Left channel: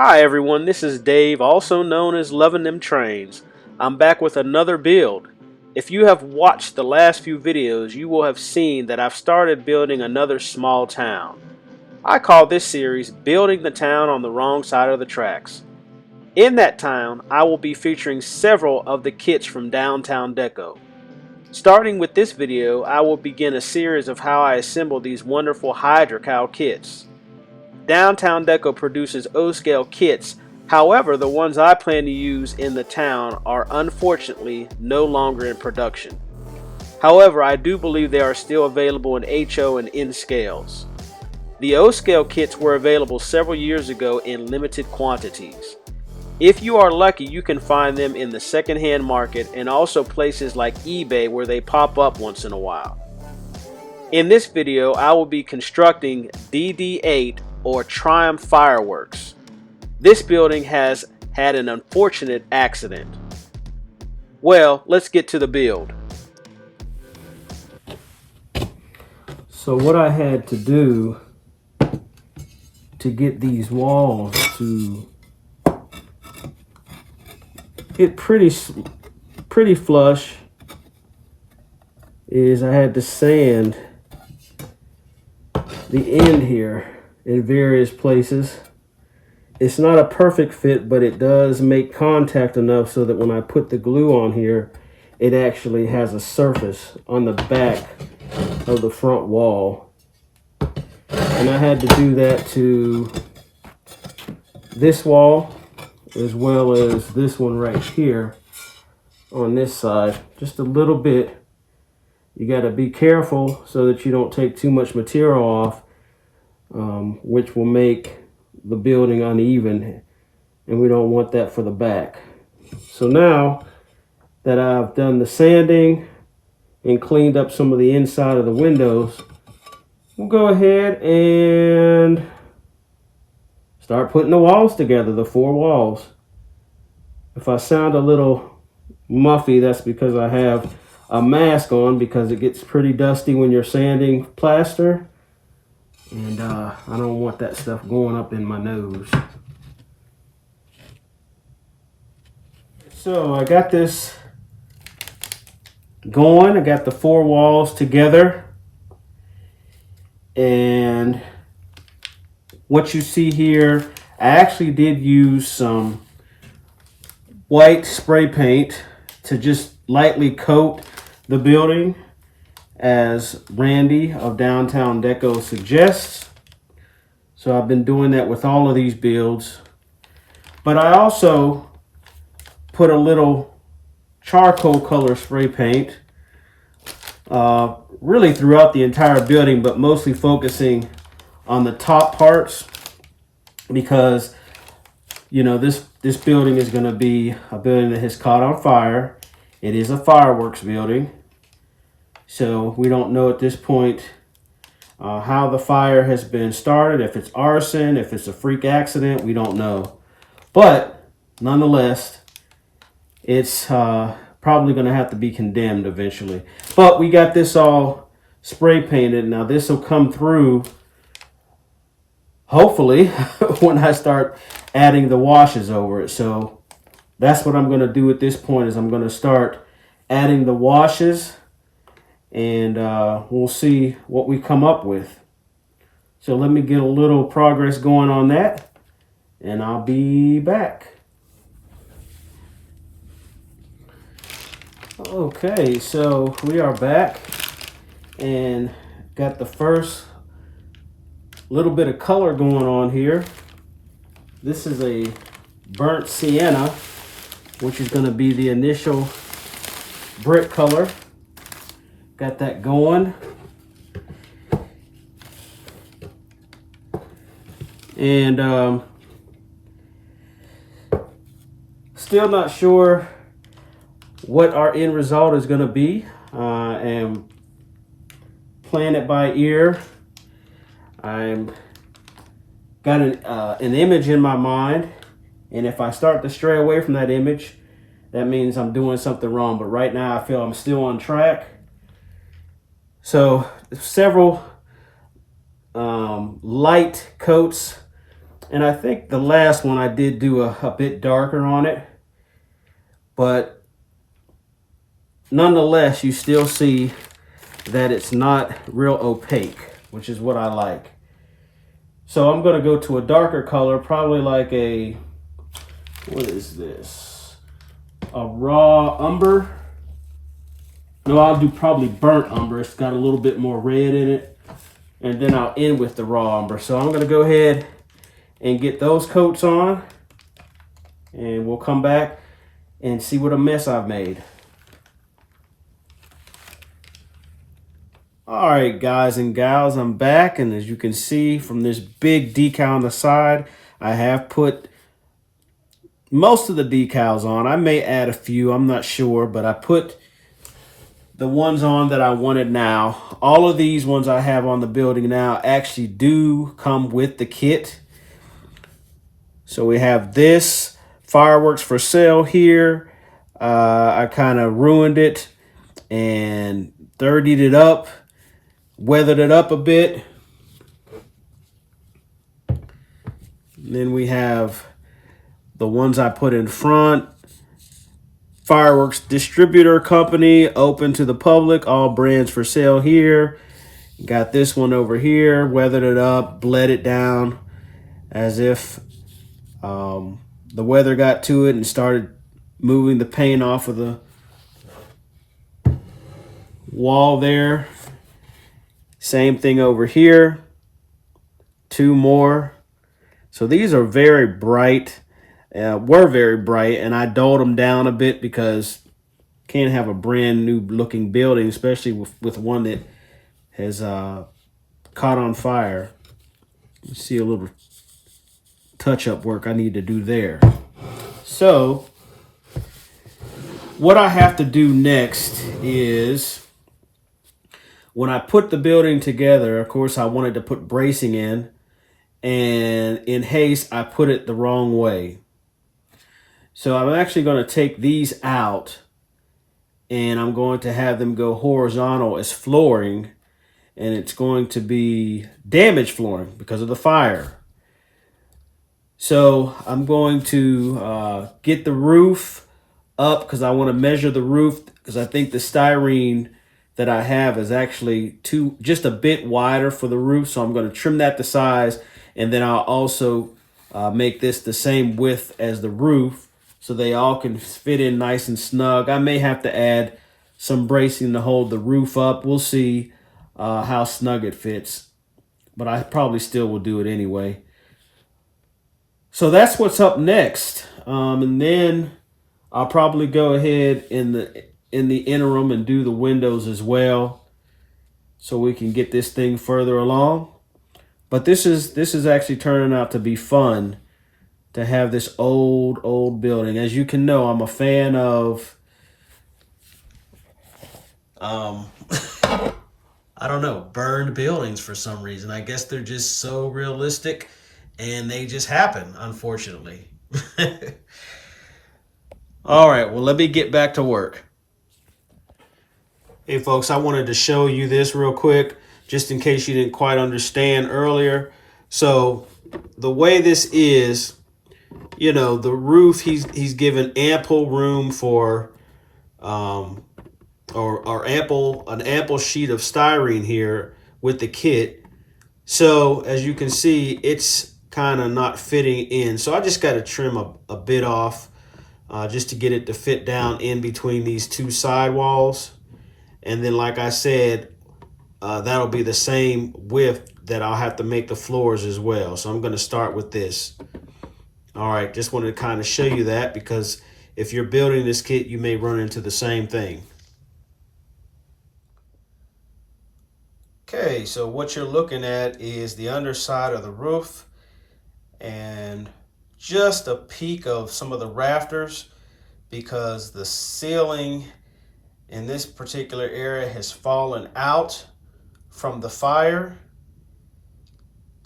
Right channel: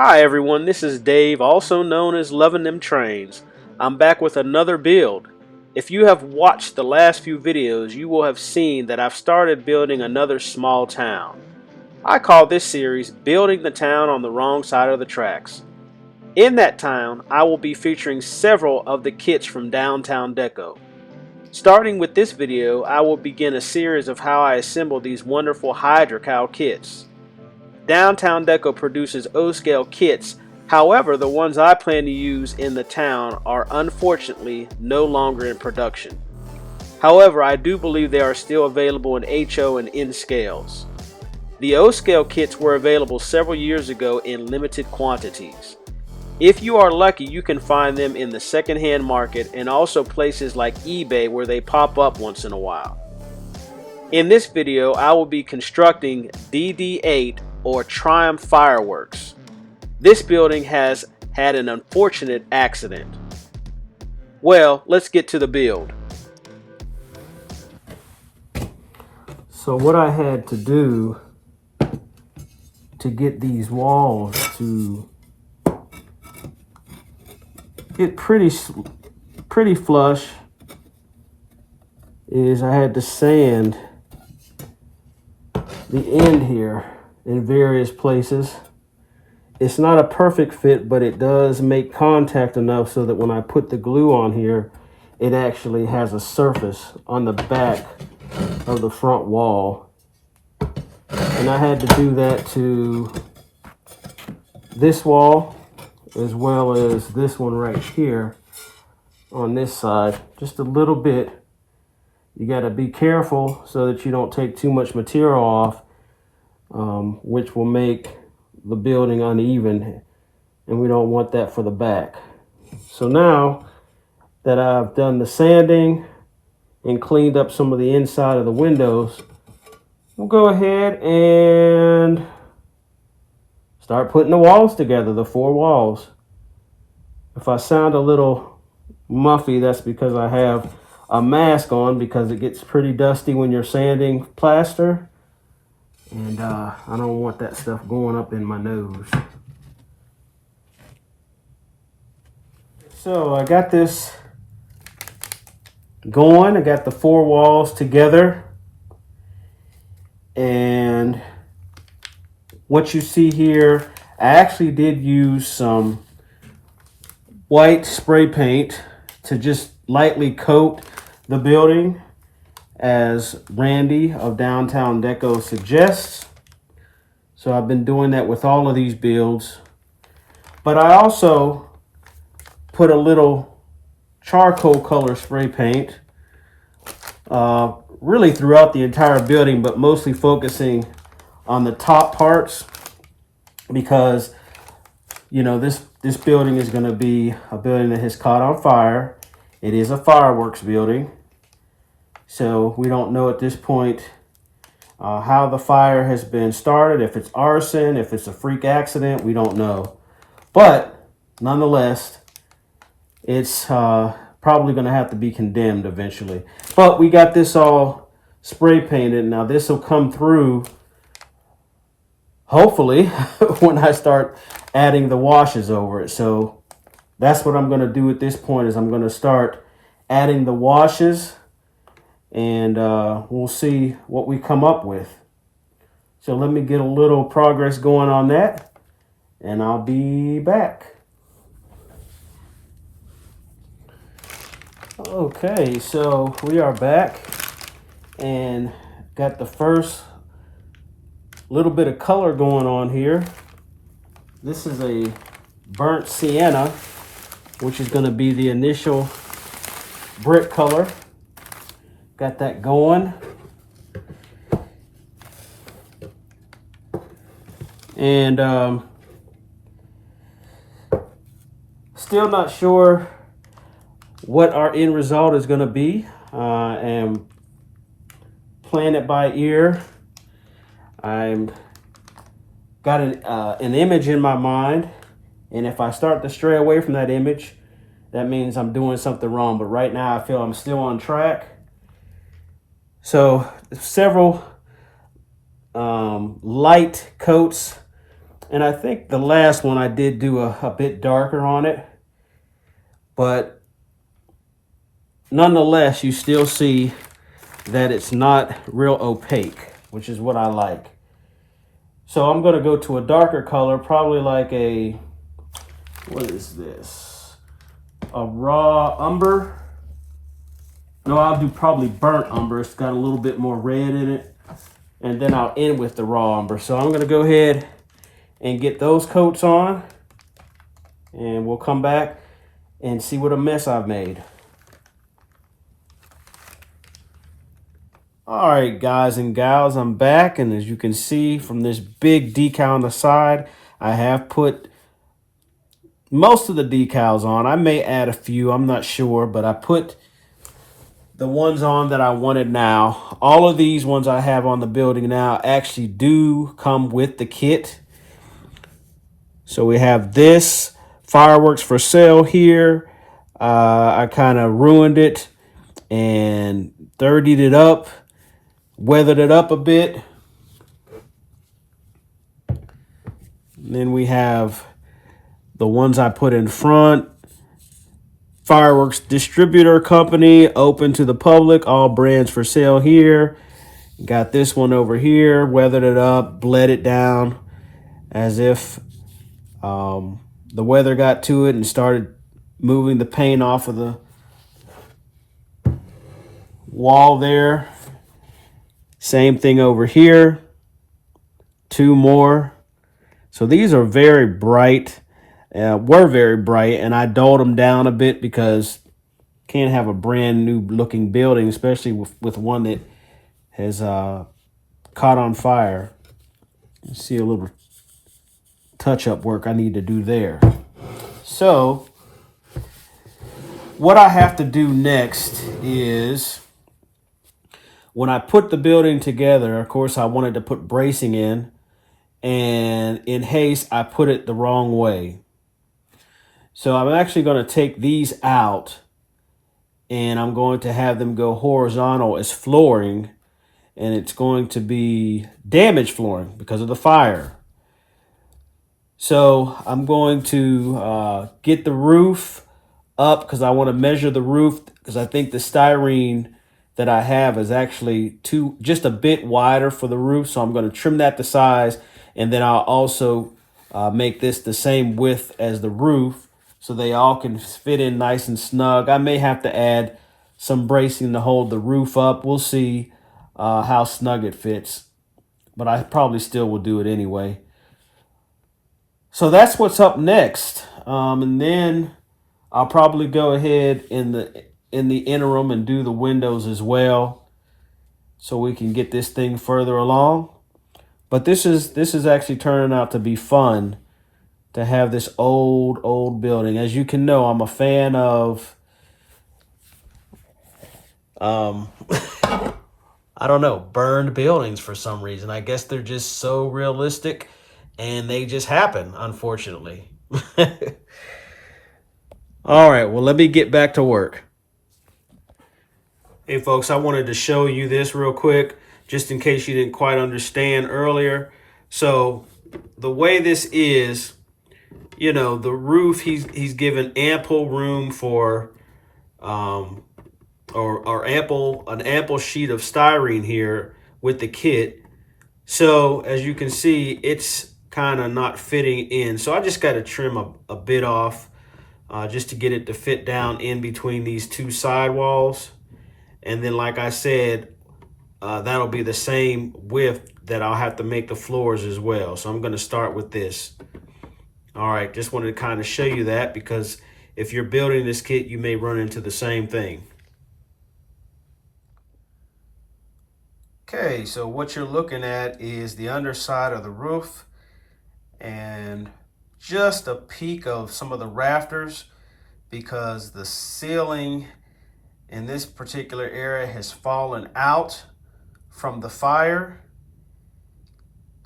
Hi everyone, this is Dave, also known as Loving Them Trains. I'm back with another build. If you have watched the last few videos, you will have seen that I've started building another small town. I call this series Building the Town on the Wrong Side of the Tracks. In that town, I will be featuring several of the kits from Downtown Deco. Starting with this video, I will begin a series of how I assemble these wonderful Hydrocal kits. Downtown Deco produces O Scale kits, however the ones I plan to use in the town are unfortunately no longer in production. However, I do believe they are still available in HO and N scales. The O Scale kits were available several years ago in limited quantities. If you are lucky, you can find them in the secondhand market and also places like eBay where they pop up once in a while. In this video, I will be constructing DD8 or Triumph Fireworks. This building has had an unfortunate accident. Well, let's get to the build. So what I had to do to get these walls to get pretty flush is I had to sand the end here in various places. It's not a perfect fit, but it does make contact enough so that when I put the glue on here, it actually has a surface on the back of the front wall. And I had to do that to this wall as well as this one right here on this side, just a little bit. You got to be careful so that you don't take too much material off, which will make the building uneven, and we don't want that for the back. So now that I've done the sanding and cleaned up some of the inside of the windows, we'll go ahead and start putting the walls together, the 4 walls. If I sound a little muffy, that's because I have a mask on because it gets pretty dusty when you're sanding plaster, and I don't want that stuff going up in my nose. So I got this going. I got the 4 walls together, and what you see here, I actually did use some white spray paint to just lightly coat the building, as Randy of Downtown Deco suggests. So I've been doing that with all of these builds. But I also put a little charcoal color spray paint really throughout the entire building, but mostly focusing on the top parts, because you know this building is going to be a building that has caught on fire. It is a fireworks building, so we don't know at this point how the fire has been started, if it's arson, if it's a freak accident, we don't know. But nonetheless, it's probably going to have to be condemned eventually. But we got this all spray painted. Now this will come through, hopefully, when I start adding the washes over it. So that's what I'm going to do at this point, is I'm going to start adding the washes, and we'll see what we come up with. So let me get a little progress going on that, and I'll be back. Okay, so we are back and got the first little bit of color going on here. This is a burnt sienna, which is going to be the initial brick color. Got that going. And still not sure what our end result is going to be, and playing it by ear. I'm got an image in my mind, and if I start to stray away from that image, that means I'm doing something wrong. But right now I feel I'm still on track. So several light coats And I think the last one I did do a bit darker on it, but nonetheless, you still see that it's not real opaque, which is what I like. So I'm going to go to a darker color, probably like a, what is this? A raw umber. No, I'll do probably burnt umber. It's got a little bit more red in it. And then I'll end with the raw umber. So I'm going to go ahead and get those coats on. And we'll come back and see what a mess I've made. All right, guys and gals, I'm back. And as you can see from this big decal on the side, I have put most of the decals on. I may add a few, I'm not sure, but I put the ones on that I wanted now. All of these ones I have on the building now actually do come with the kit. So we have this fireworks for sale here. I kind of ruined it and 30'd it up, weathered it up a bit. And then we have the ones I put in front. Fireworks distributor company, open to the public, all brands for sale here. Got this one over here, weathered it up, bled it down as if the weather got to it and started moving the paint off of the wall there. Same thing over here. Two more. So these are very bright. Were very bright, and I dulled them down a bit because can't have a brand new looking building, especially with one that has caught on fire. You see a little touch-up work I need to do there. So what I have to do next is, when I put the building together, of course I wanted to put bracing in, and in haste I put it the wrong way. So I'm actually going to take these out, and I'm going to have them go horizontal as flooring, and it's going to be damaged flooring because of the fire. So I'm going to get the roof up because I want to measure the roof, because I think the styrene that I have is actually just a bit wider for the roof. So I'm going to trim that to size, and then I'll also make this the same width as the roof, so they all can fit in nice and snug. I may have to add some bracing to hold the roof up. We'll see how snug it fits, but I probably still will do it anyway. So that's what's up next. And then I'll probably go ahead in the interim and do the windows as well, so we can get this thing further along. But this is actually turning out to be fun, to have this old building. As you can know, I'm a fan of I don't know, burned buildings for some reason. I guess they're just so realistic and they just happen, unfortunately. All right, well, let me get back to work. Hey folks, I wanted to show you this real quick, just in case you didn't quite understand earlier. So the way this is, you know, the roof, he's given ample room for an ample sheet of styrene here with the kit. So as you can see, it's kind of not fitting in. So I just got to trim a bit off just to get it to fit down in between these two side walls. And then, like I said, that'll be the same width that I'll have to make the floors as well. So I'm going to start with this. All right, just wanted to kind of show you that, because if you're building this kit, you may run into the same thing. Okay, so what you're looking at is the underside of the roof and just a peek of some of the rafters, because the ceiling in this particular area has fallen out from the fire.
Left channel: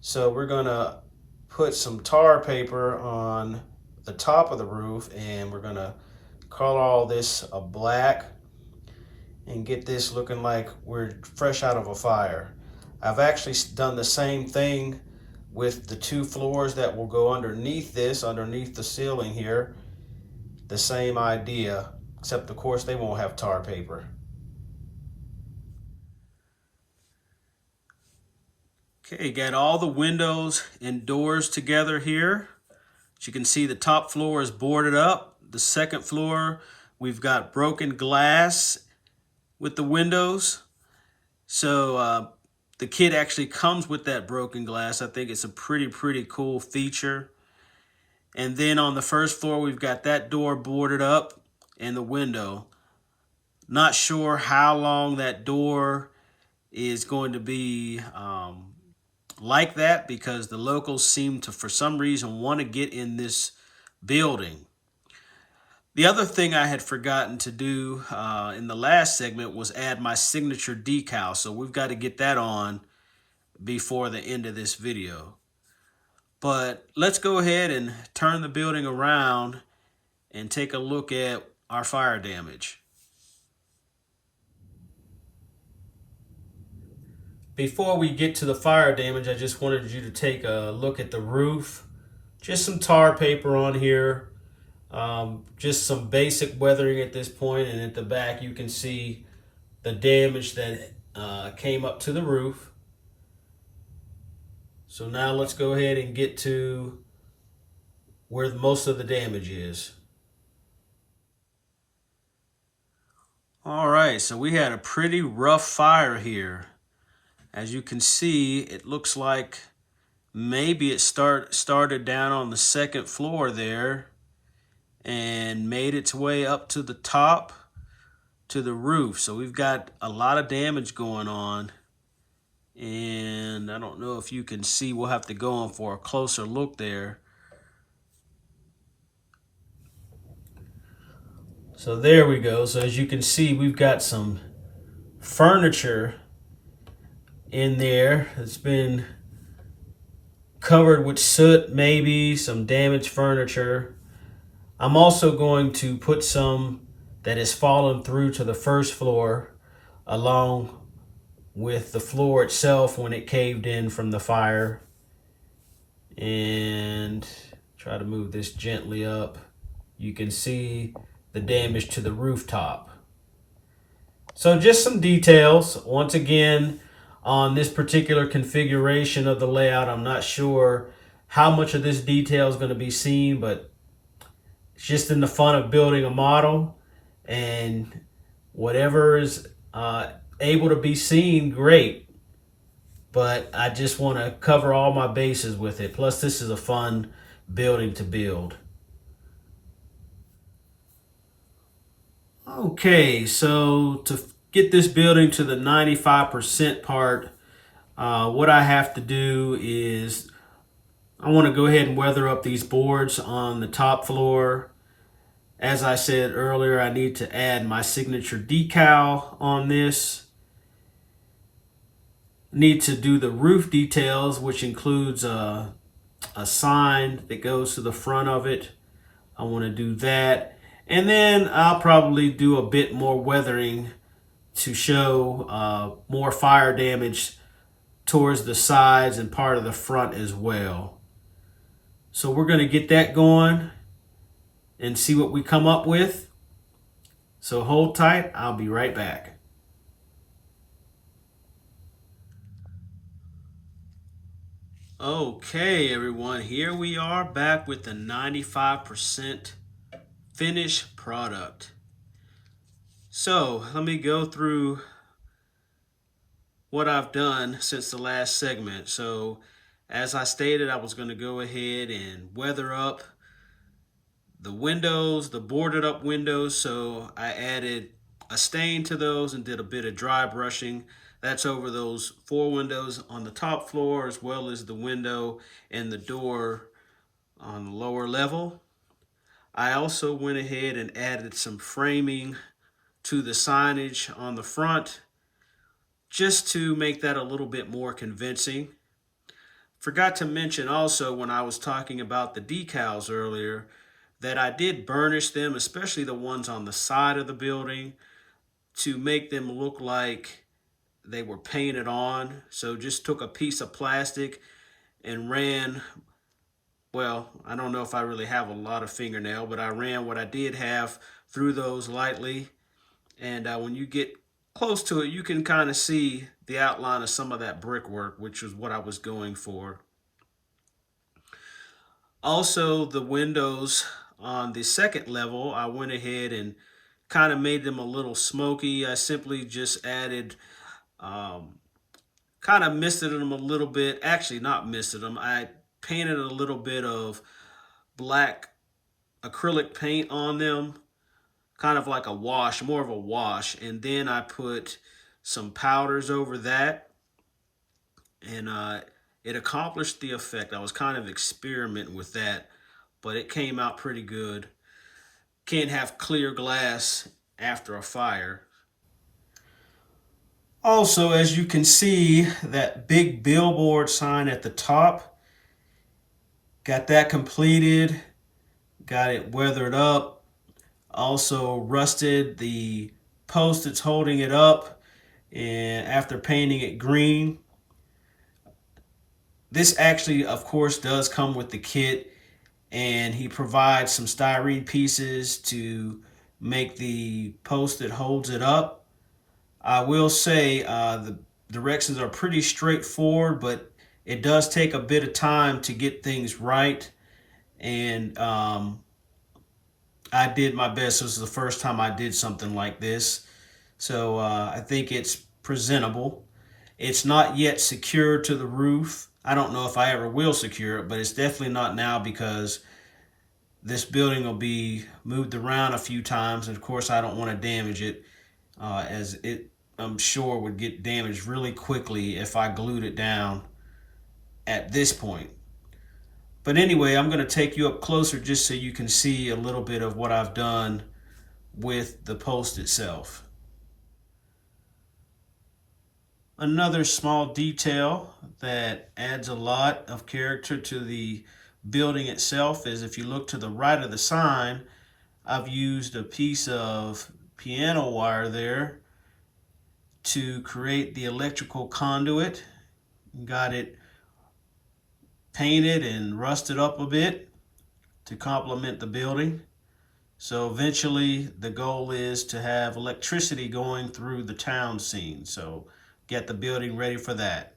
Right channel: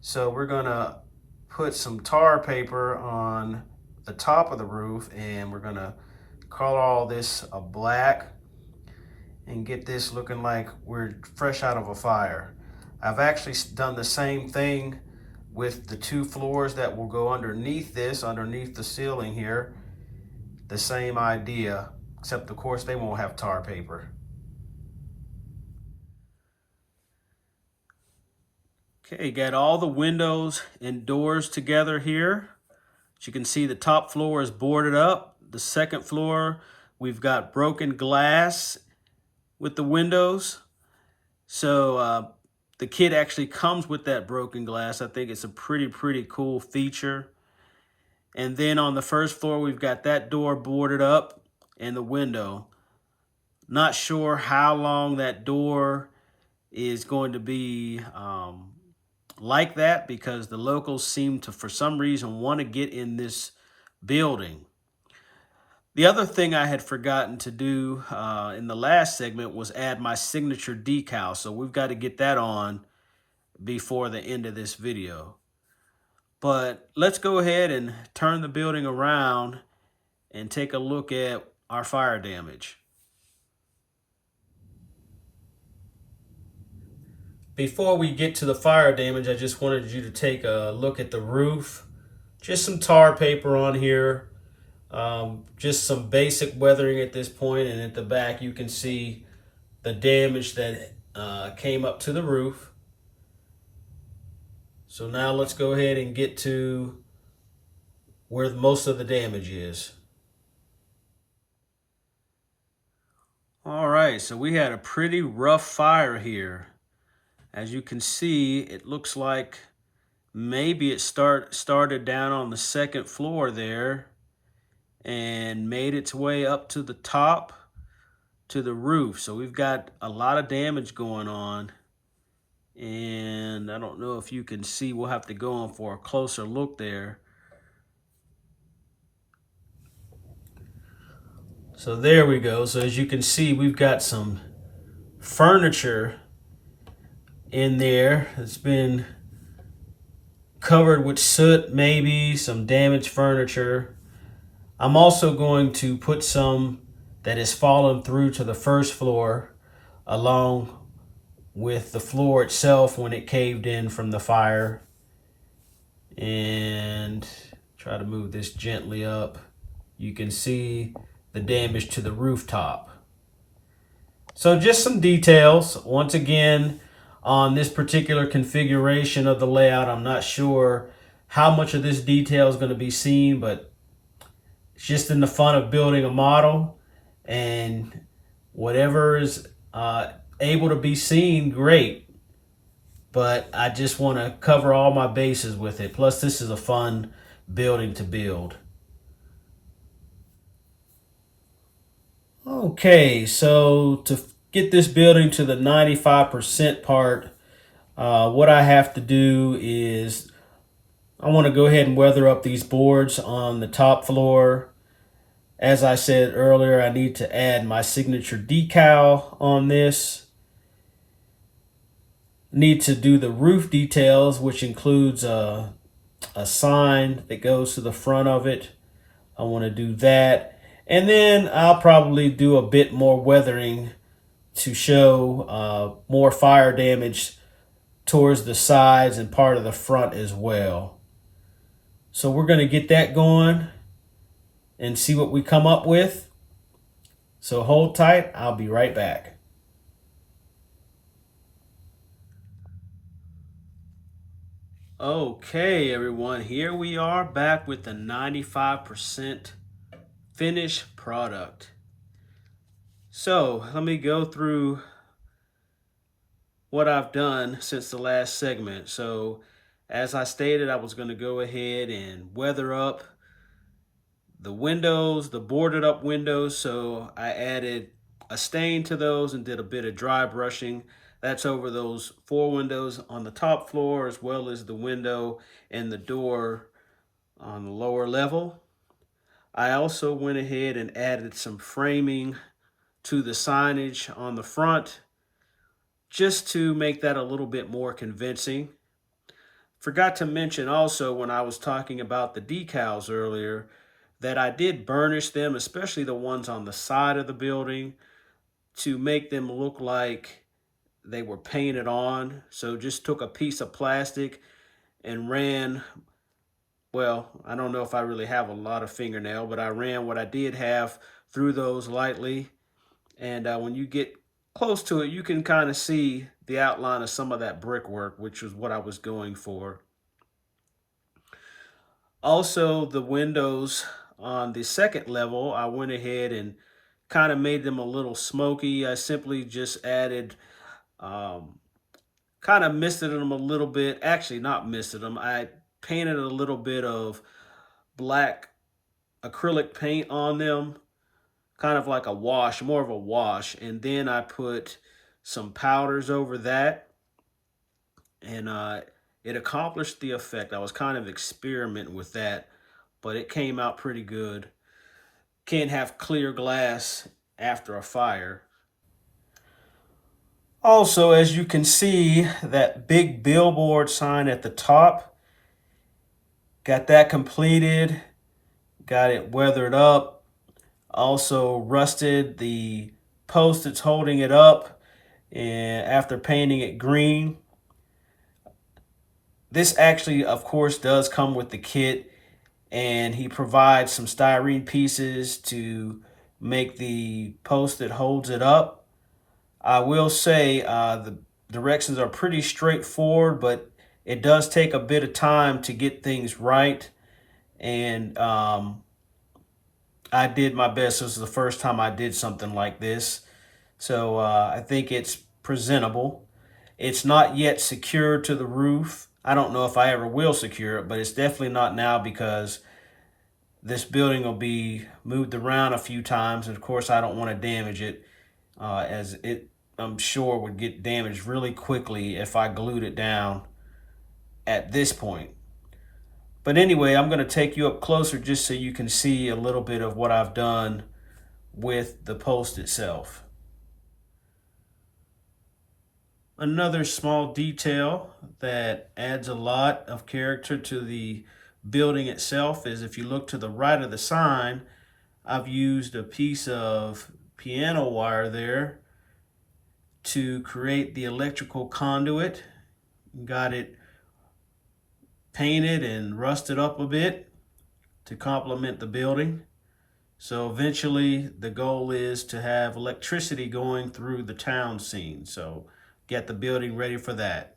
So we're gonna put some tar paper on the top of the roof, and we're gonna color all this a black and get this looking like we're fresh out of a fire. I've actually done the same thing with the 2 floors that will go underneath this, underneath the ceiling here. The same idea, except of course they won't have tar paper. Okay, got all the windows and doors together here. As you can see, the top floor is boarded up. The second floor, we've got broken glass with the windows. So the kit actually comes with that broken glass. I think it's a pretty cool feature. And then on the first floor, we've got that door boarded up and the window. Not sure how long that door is going to be like that, because the locals seem to, for some reason, want to get in this building. The other thing I had forgotten to do in the last segment was add my signature decal. So we've got to get that on before the end of this video. But let's go ahead and turn the building around and take a look at our fire damage. Before we get to the fire damage, I just wanted you to take a look at the roof. Just some tar paper on here. Just some basic weathering at this point, and at the back you can see the damage that came up to the roof. So now let's go ahead and get to where most of the damage is. All right, so we had a pretty rough fire here. As you can see, it looks like maybe it started down on the second floor there and made its way up to the top to the roof. So we've got a lot of damage going on. And I don't know if you can see, we'll have to go on for a closer look there. So there we go. So as you can see, we've got some furniture in there. It's been covered with soot, maybe some damaged furniture. I'm also going to put some that has fallen through to the first floor along with the floor itself when it caved in from the fire. And try to move this gently up. You can see the damage to the rooftop. So just some details. Once again, on this particular configuration of the layout, I'm not sure how much of this detail is going to be seen, but it's just in the fun of building a model, and whatever is able to be seen, great. But I just want to cover all my bases with it. Plus, this is a fun building to build. Okay, so to get this building to the 95% part, what I have to do is I want to go ahead and weather up these boards on the top floor. As I said earlier, I need to add my signature decal on this. Need to do the roof details, which includes a sign that goes to the front of it. I want to do that. And then I'll probably do a bit more weathering to show more fire damage towards the sides and part of the front as well. So we're going to get that going and see what we come up with. So hold tight, I'll be right back. Okay, everyone, here we are back with the 95% finished product. So let me go through what I've done since the last segment. So as I stated, I was going to go ahead and weather up the windows, the boarded up windows. So I added a stain to those and did a bit of dry brushing. That's over those 4 windows on the top floor, as well as the window and the door on the lower level. I also went ahead and added some framing to the signage on the front, just to make that a little bit more convincing. Forgot to mention also, when I was talking about the decals earlier, that I did burnish them, especially the ones on the side of the building, to make them look like they were painted on. So just took a piece of plastic and ran, well, I don't know if I really have a lot of fingernail, but I ran what I did have through those lightly. And when you get close to it, you can kind of see the outline of some of that brickwork, which was what I was going for. Also, the windows on the second level, I went ahead and kind of made them a little smoky. I simply just added, um, kind of misted them a little bit. Actually, not misted them. I painted a little bit of black acrylic paint on them, kind of like a wash, more of a wash. And then I put some powders over that, and it accomplished the effect. I was kind of experimenting with that, but it came out pretty good. Can't have clear glass after a fire. Also, as you can see, that big billboard sign at the top, got that completed, got it weathered up, also rusted the post that's holding it up, and after painting it green. This actually, of course, does come with the kit, and he provides some styrene pieces to make the post that holds it up. I will say the directions are pretty straightforward, but it does take a bit of time to get things right. And I did my best. This is the first time I did something like this. So I think it's presentable. It's not yet secured to the roof. I don't know if I ever will secure it, but it's definitely not now because this building will be moved around a few times. And of course, I don't want to damage it, as it, I'm sure, would get damaged really quickly if I glued it down at this point. But anyway, I'm going to take you up closer just so you can see a little bit of what I've done with the post itself. Another small detail that adds a lot of character to the building itself is if you look to the right of the sign, I've used a piece of piano wire there to create the electrical conduit. Got it painted and rusted up a bit to complement the building. So eventually the goal is to have electricity going through the town scene. So get the building ready for that.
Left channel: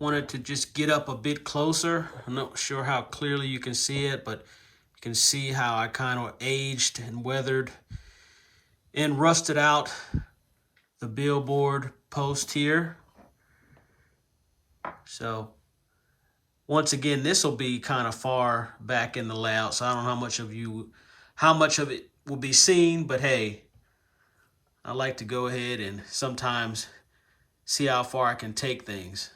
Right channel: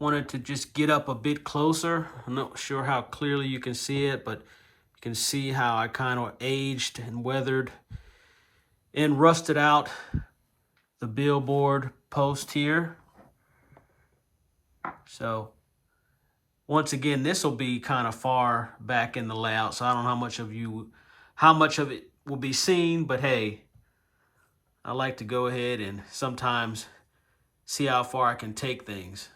Wanted to just get up a bit closer. I'm not sure how clearly you can see it, but you can see how I kind of aged and weathered and rusted out the billboard post here. So once again, this will be kind of far back in the layout, so I don't know how much of it will be seen, but hey, I like to go ahead and sometimes see how far I can take things.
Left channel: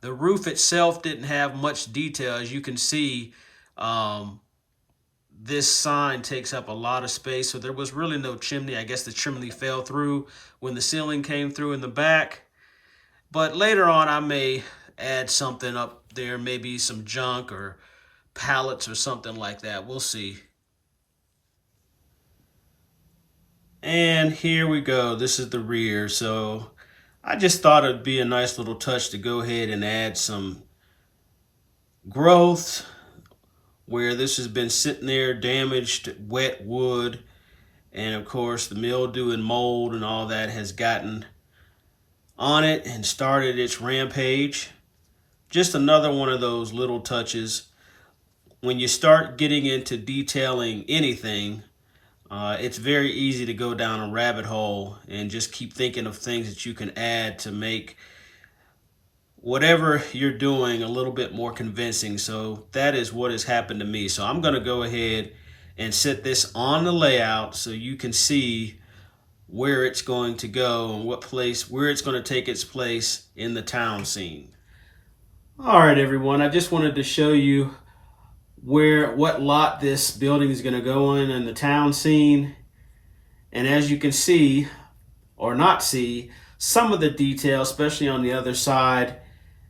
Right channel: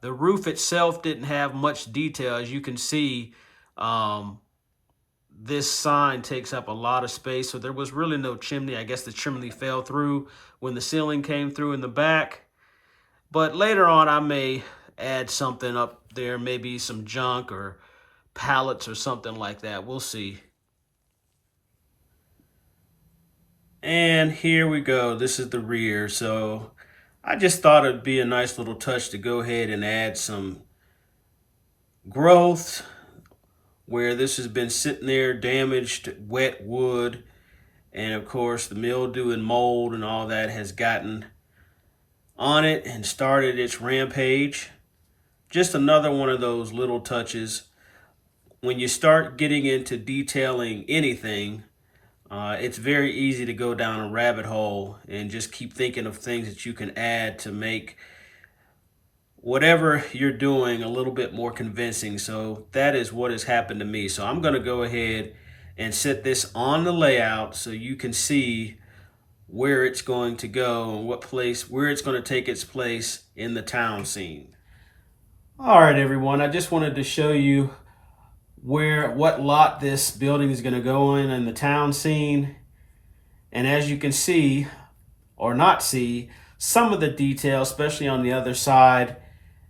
The roof itself didn't have much detail. As you can see, this sign takes up a lot of space, so there was really no chimney. I guess the chimney fell through when the ceiling came through in the back. But later on, I may add something up there, maybe some junk or pallets or something like that. We'll see. And here we go. This is the rear. So I just thought it'd be a nice little touch to go ahead and add some growth where this has been sitting there, damaged, wet wood. And of course, the mildew and mold and all that has gotten on it and started its rampage. Just another one of those little touches. When you start getting into detailing anything, it's very easy to go down a rabbit hole and just keep thinking of things that you can add to make whatever you're doing a little bit more convincing. So that is what has happened to me. So I'm going to go ahead and set this on the layout so you can see where it's going to go and where it's going to take its place in the town scene. All right, everyone, I just wanted to show you what lot this building is going to go in the town scene. And as you can see, or not see, some of the detail, especially on the other side,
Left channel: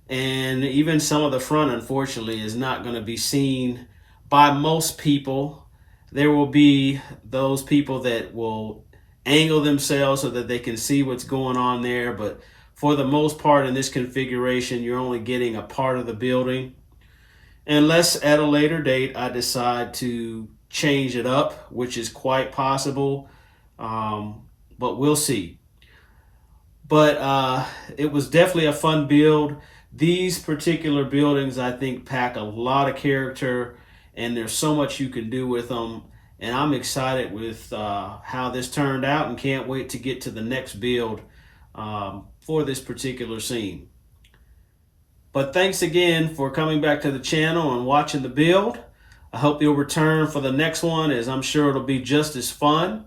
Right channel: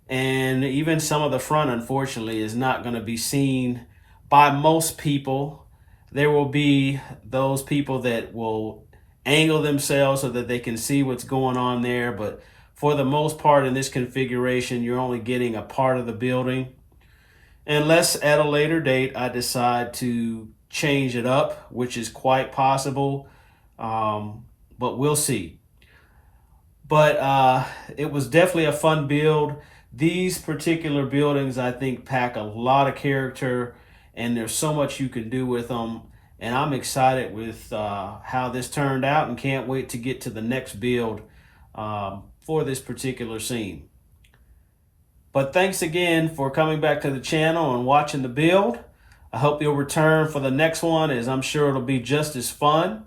and even some of the front, unfortunately, is not going to be seen by most people. There will be those people that will angle themselves so that they can see what's going on there, but for the most part in this configuration, you're only getting a part of the building. Unless at a later date I decide to change it up, which is quite possible, but we'll see. But it was definitely a fun build. These particular buildings, I think, pack a lot of character, and there's so much you can do with them. And I'm excited with how this turned out and can't wait to get to the next build for this particular scene. But thanks again for coming back to the channel and watching the build. I hope you'll return for the next one, as I'm sure it'll be just as fun.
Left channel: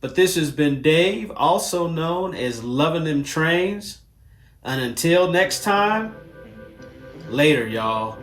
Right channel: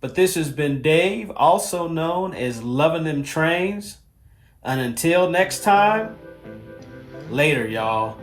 But this has been Dave, also known as Loving Them Trains. And until next time, later, y'all.